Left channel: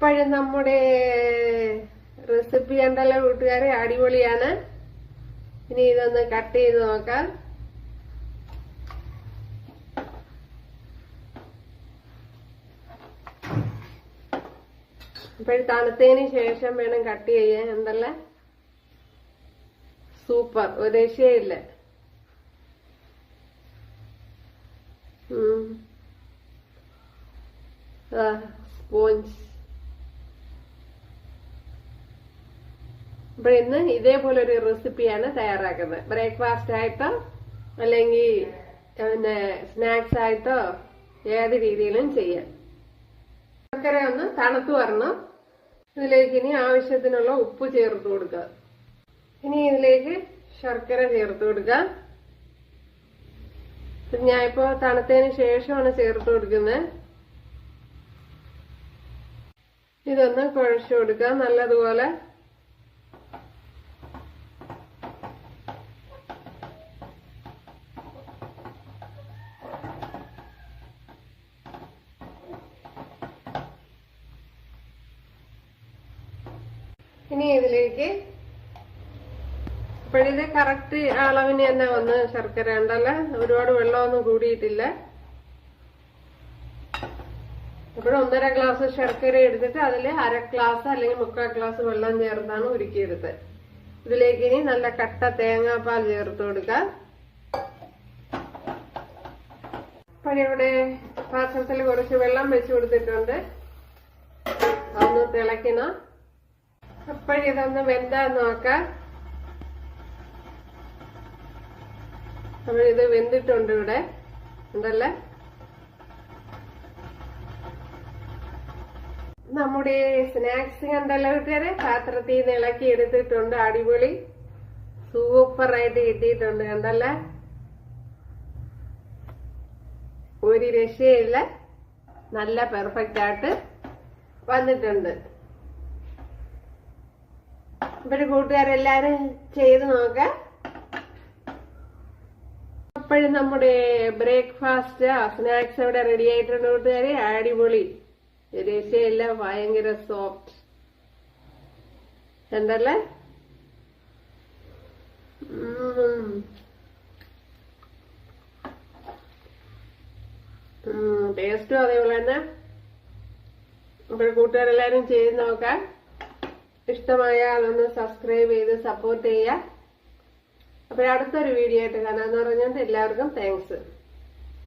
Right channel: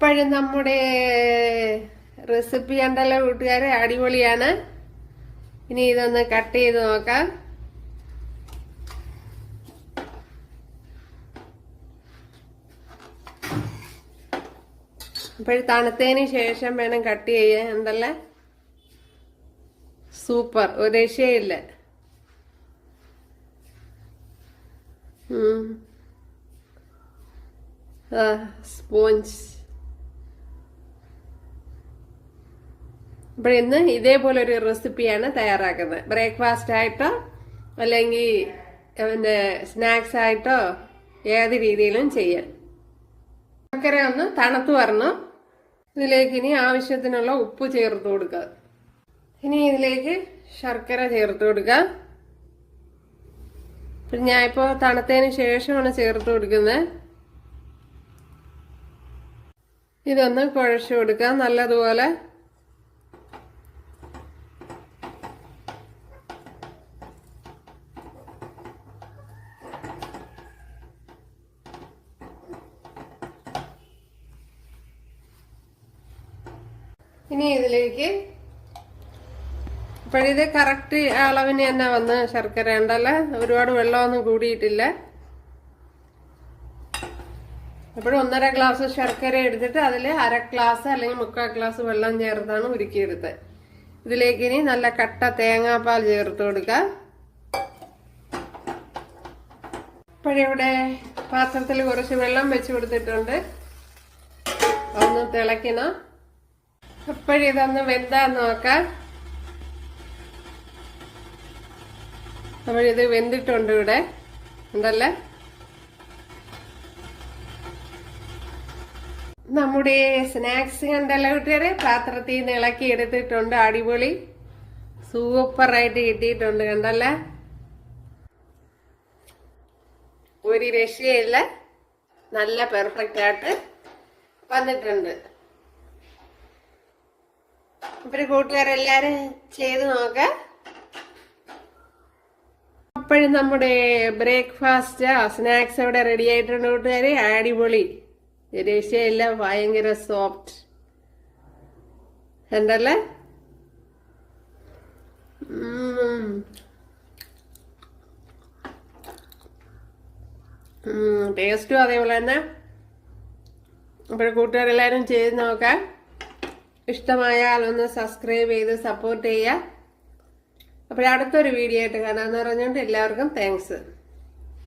അപ്പോഴും നമ്മുടെ റെസിപ്പി കണ്ടല്ലോ കൂട്ടുകാരെ, അടിപൊളിയാണ്. ഇനി ഇതൊന്ന് കട്ട് ചെയ്ത് നോക്കാം. അപ്പോഴും തണുത്തതിന് ശേഷം വേണം കട്ട് ചെയ്യാൻ. ഉണ്ടല്ലേ, സൂപ്പർ, ഒരു രക്ഷയില്ല. സ്പോഞ്ച്. അപ്പോൾ ഇന്ന് ഇതേപോലെ ഒരു റെസിപ്പിയാണ് തയ്യാറാക്കുന്നത്. ബ്രേക്ക്ഫാസ്റ്റ് ആയിട്ടോ അല്ലെങ്കിൽ പിന്നെ സ്നാക്സ് ആയിട്ടോ ഏത് രീതിയിലും ചെയ്യാം. ശർക്കര ഒന്ന് തണുത്ത് വരണം. ഇതിലേക്ക് ഇനി ആവശ്യത്തിനുള്ള ഉപ്പ് ചേർത്ത് കൊടുക്കുക. ഇനി ഇതിലേക്ക് ശർക്കര ചേർത്ത് കൊടുക്കുക. പിന്നെ ഞാനിപ്പോൾ തണുത്തതിന് ശേഷമാണ് ചേർത്ത് കൊടുക്കുന്നത്. ഇതൊന്ന് കുഴച്ചു കൊടുക്കുക നല്ലതുപോലെ. ഇനി ഇതിലേക്ക് ഇപ്പോഴിത് കറക്റ്റ് അളവിന് തന്നെ വന്ന് ശർക്കര ഉണ്ടല്ലേ, ഒരുപാട് വെള്ളമൊന്നും കൂടിയിട്ടില്ല. ഇപ്പോഴും 1.5 ഗ്ലാസ് ശർക്കര എടുത്തിട്ട് അതിൽ 1/2 ഗ്ലാസ് അല്ലെങ്കിൽ 3/4 ഗ്ലാസ് വെള്ളം ചേർത്താണ് ഉരുക്കിയെടുത്തത്. ഇതിലേക്ക് ഇനി നല്ല കട്ട തേങ്ങാപ്പാൽ ചേർത്ത് കൊടുക്കുക. ഇപ്പോഴിവിടെ പാത്രത്തിൽ കുറച്ച് വെള്ളം വെച്ച് കൊടുത്തിട്ടുണ്ട്. ഒന്ന് തിളയ്ക്കണം. ഇപ്പോഴിതൊന്ന് വെന്താന്ന് നോക്കാം. അപ്പോഴിത് വെന്തിട്ടുണ്ട് ഇവിടെ ഉണ്ടല്ലേ. നമ്മുടെ സ്നാക്സ് കണ്ടല്ലോ കൂട്ടുകാരെ, പാത്രത്തിൽ നിന്ന് ഇളക്കി എടുത്തിട്ടുണ്ട്. അടിപൊളി സൂപ്പറായിട്ട് കിട്ടിയിട്ടുണ്ട് കണ്ടല്ലേ, ഒരു രക്ഷയില്ല, നല്ല പെർഫെക്റ്റ് ആയിട്ട് വന്നിട്ടുണ്ട്. അപ്പോൾ കൂട്ടുകാരെല്ലാരും ചെയ്ത് നോക്കാം. അപ്പോഴും നമ്മുടെ ബ്രേക്ക്ഫാസ്റ്റ് സ്നാക്സ് ഇവിടെ റെഡി ആയിട്ടുണ്ട് കൂട്ടുകാരെ. അടിപൊളി, രക്ഷയില്ല, ഭയങ്കര സോഫ്റ്റ് ഉണ്ടല്ലേ. ടേസ്റ്റും അതേപോലെ തന്നെ. അപ്പോൾ കൂട്ടുകാരെല്ലാരും ചെയ്ത് നോക്കാം. ഇഷ്ടമായാൽ ഒന്ന് സബ്സ്ക്രൈബ് ചെയ്ത് സപ്പോർട്ട് ചെയ്യുക. അപ്പോൾ അടുത്തൊരു വീഡിയോ ആയിട്ട് കാണാമെന്ന് പറഞ്ഞുകൊണ്ട് എല്ലാവർക്കും താങ്ക്സ്.